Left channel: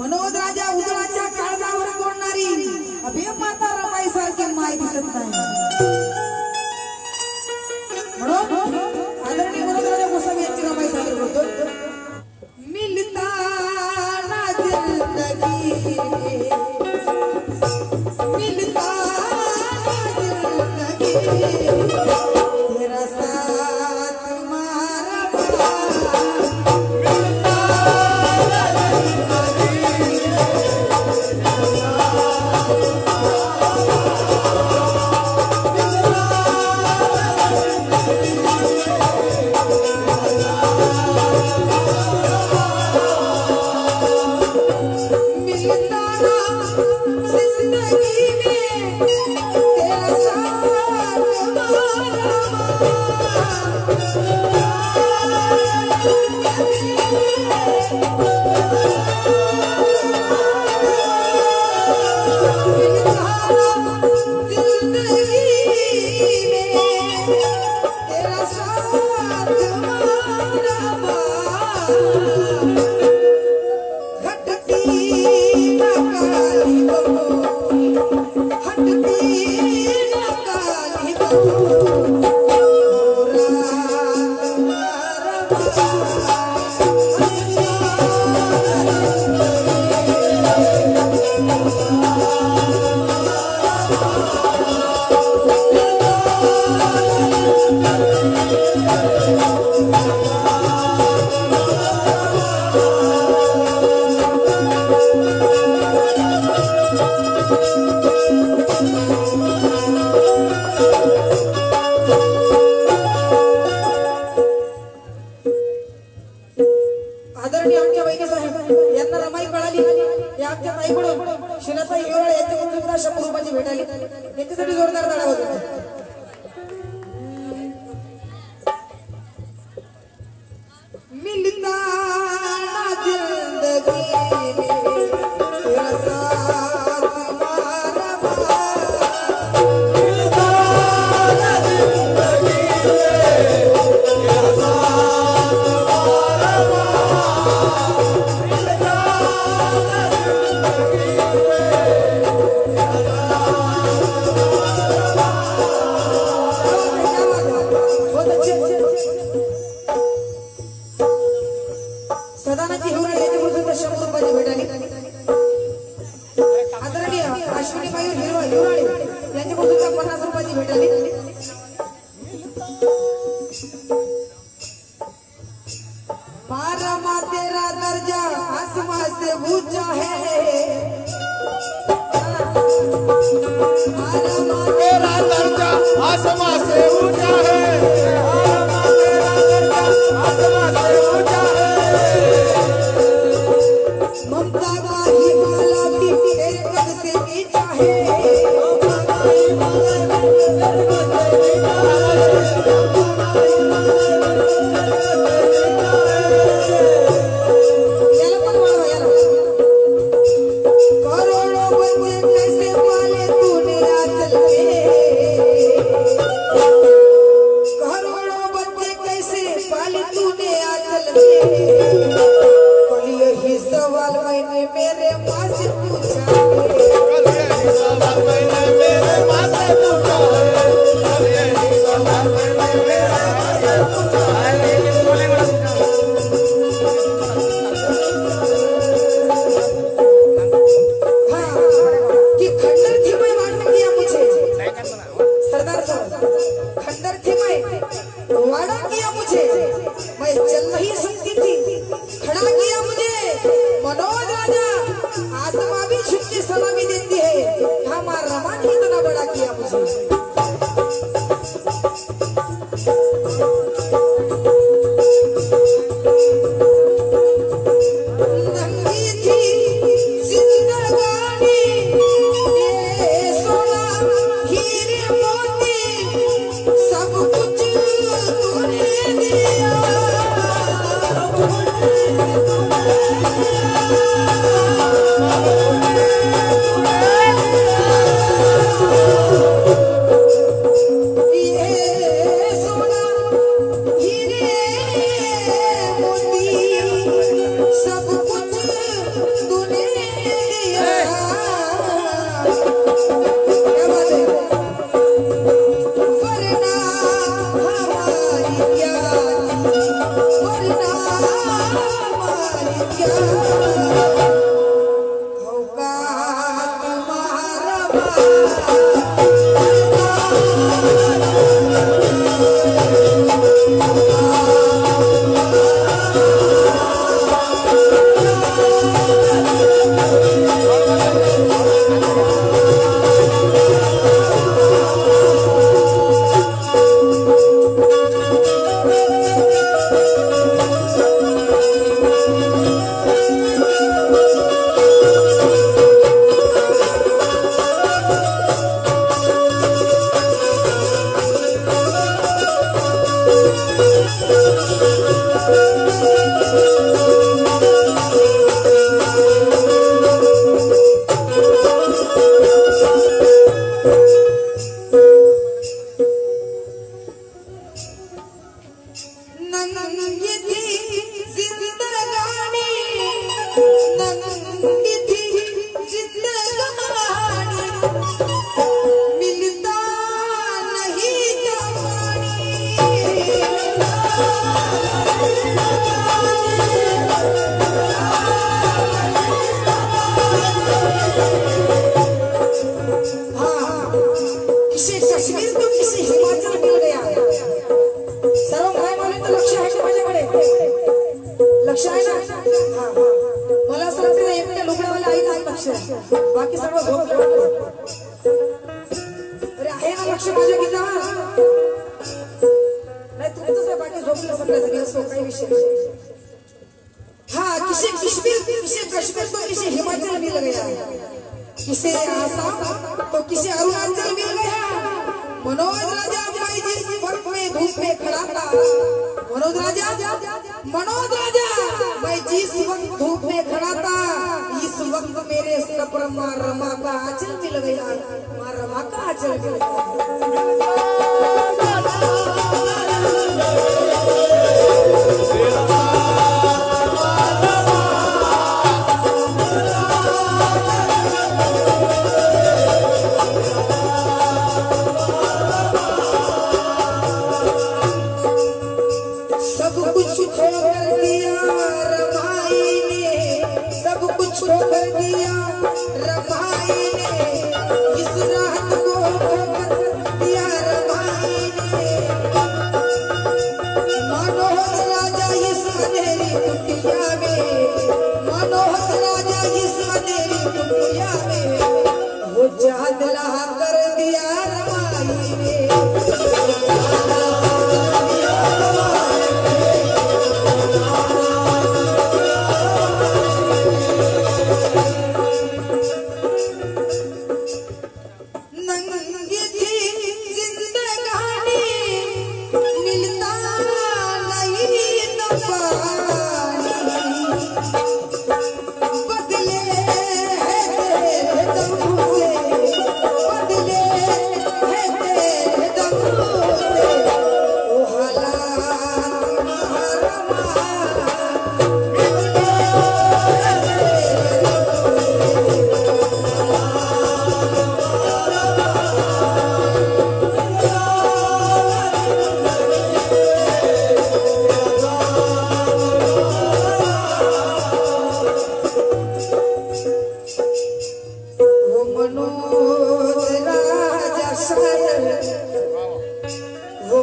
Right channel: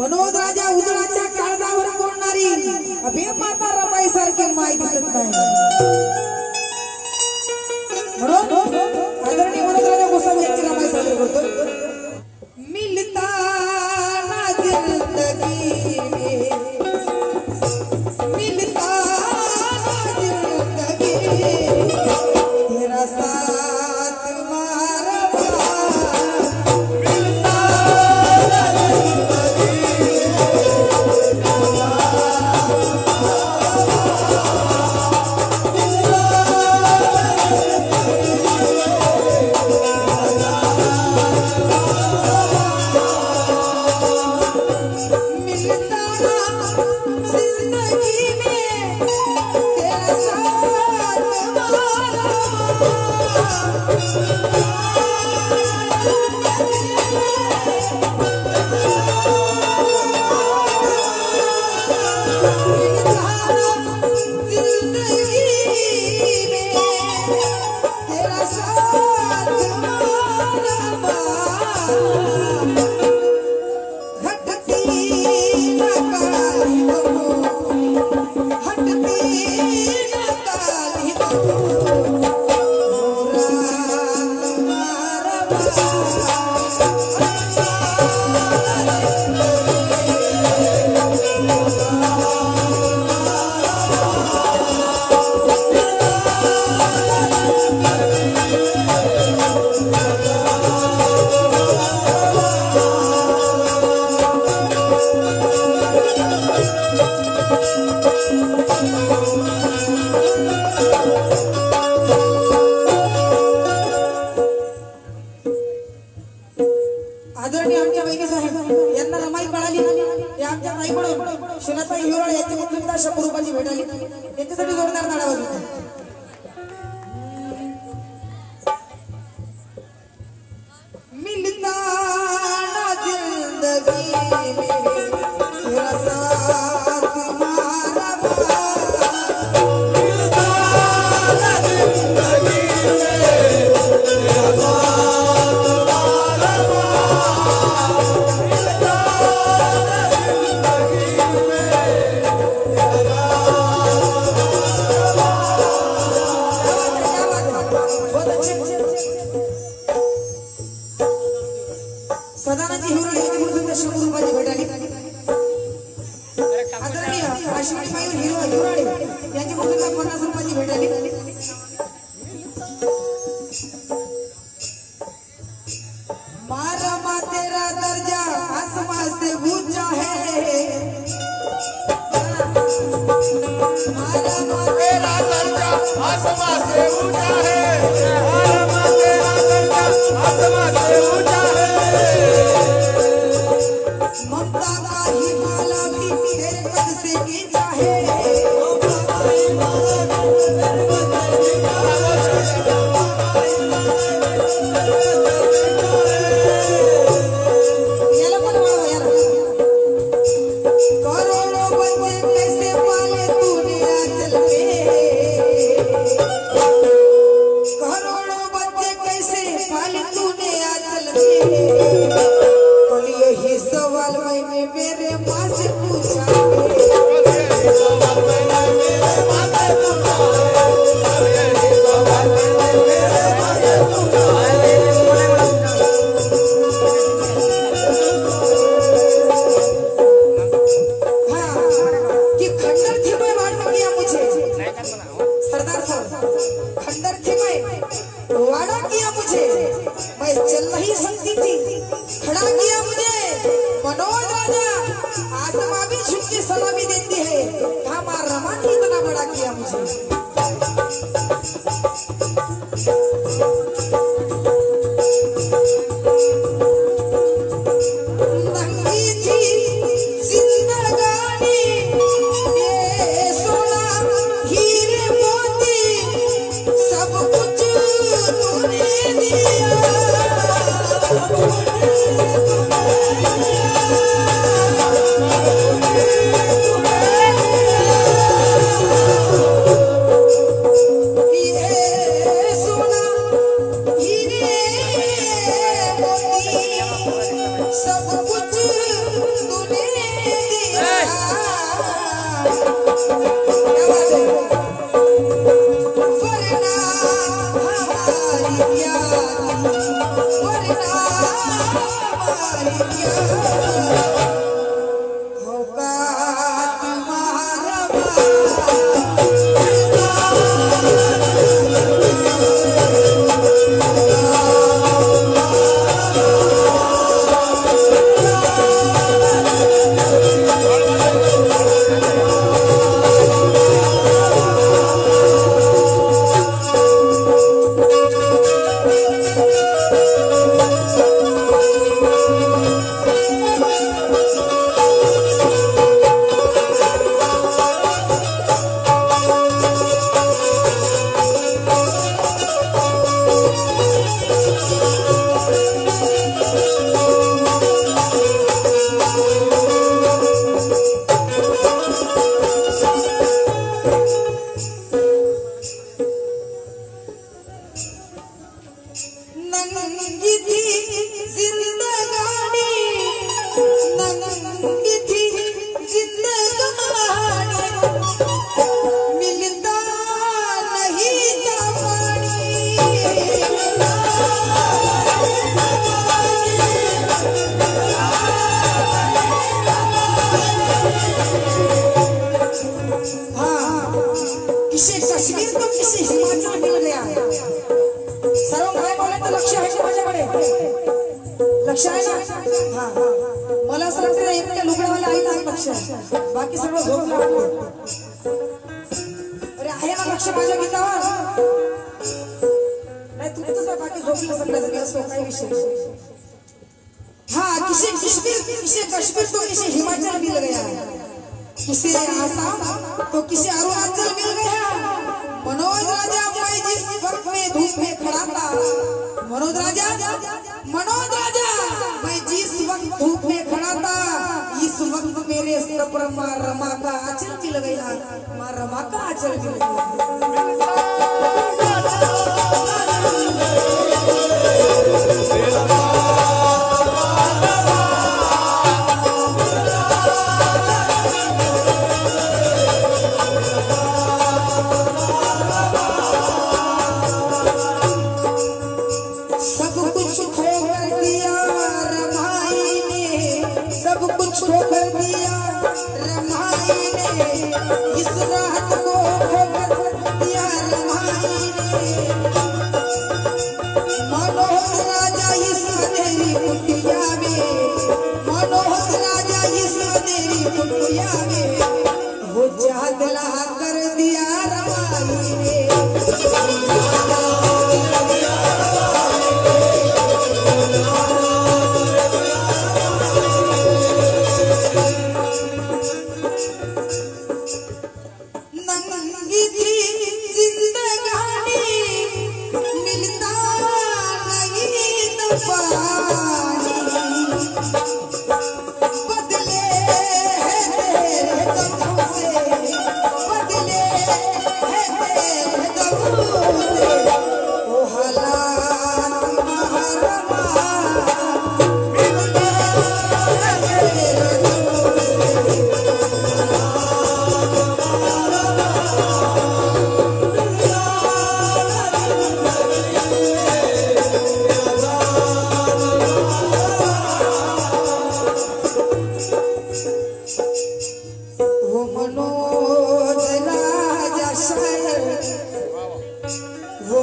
मनोज राजा उजळाच्या काळजावर बोलणारी अभे माता रमाई सारखी माय दिसत नाही म्हणून आदरणीय मनोज राजा गोसावी यांची रमाई सारखी बोलतो मिलता ना जिंदगी मिलता ना जिंदगी तेरा साथ मारा Thank you. वादा किया मुझे मैं चल रही सकती थी, खड़ा किया मुझे मनोज राजा, आत्मा भी छुट्टी सलामी देती है, हमारा रमन ही इतना बड़ा किया मुझे। बाकी सर्व झोप लागले अरे आहे ना लक्ष माझ्या गीतावर नाही तुमचं बाकी झोपलं सगळ्याच असो काही विषय हाँ किसी कश्मीर तो किसी हिमाचल मिल गया, किसी आसाम तो किसी अरुणाचल मिल गया। मनोज राजा मैं जिस वक्त में धूप में खड़ा था, मनोज राजा मैं जिस वक्त धूप में खड़ा था, इस वक्त मेरे सर पर माँ रमा का आंचल मिल गया, माँ रमा का आंचल मिल गया।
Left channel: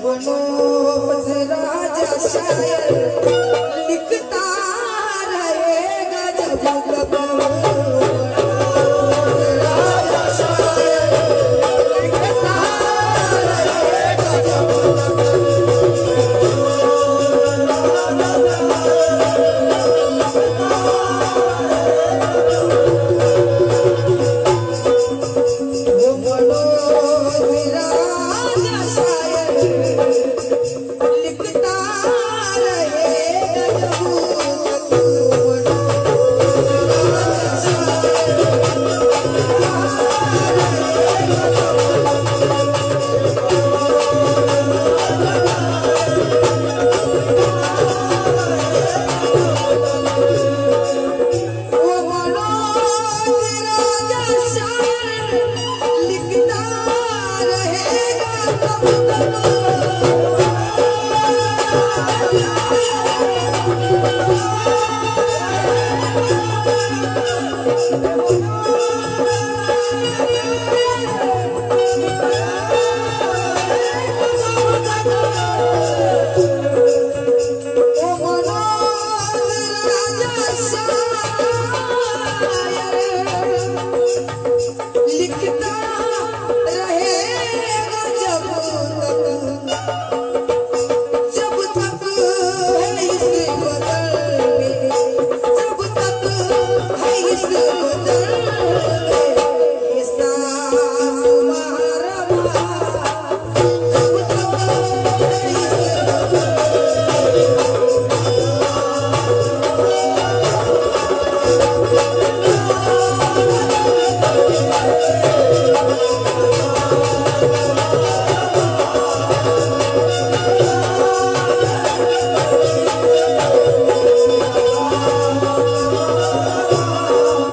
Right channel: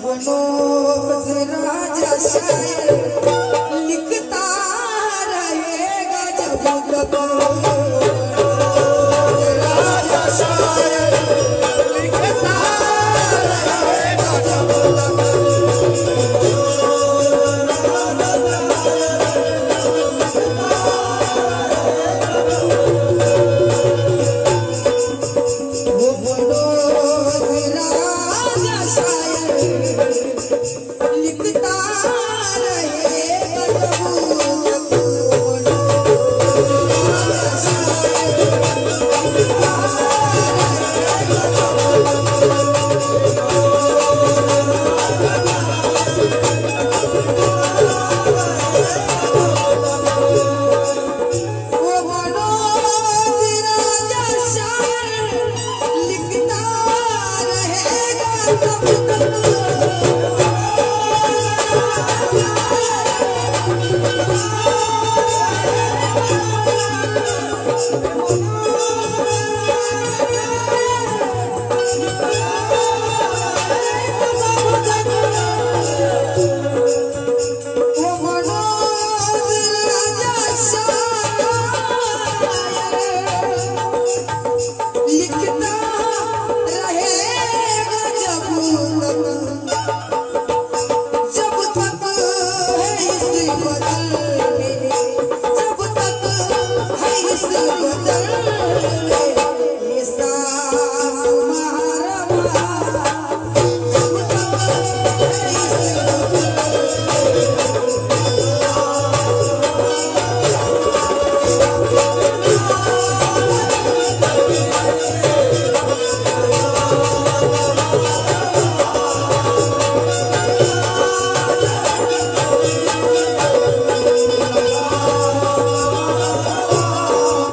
मनोज राजा शायर लिखता रहेगा जब तक राजा शायर लिखता रहेगा जब तक Yes,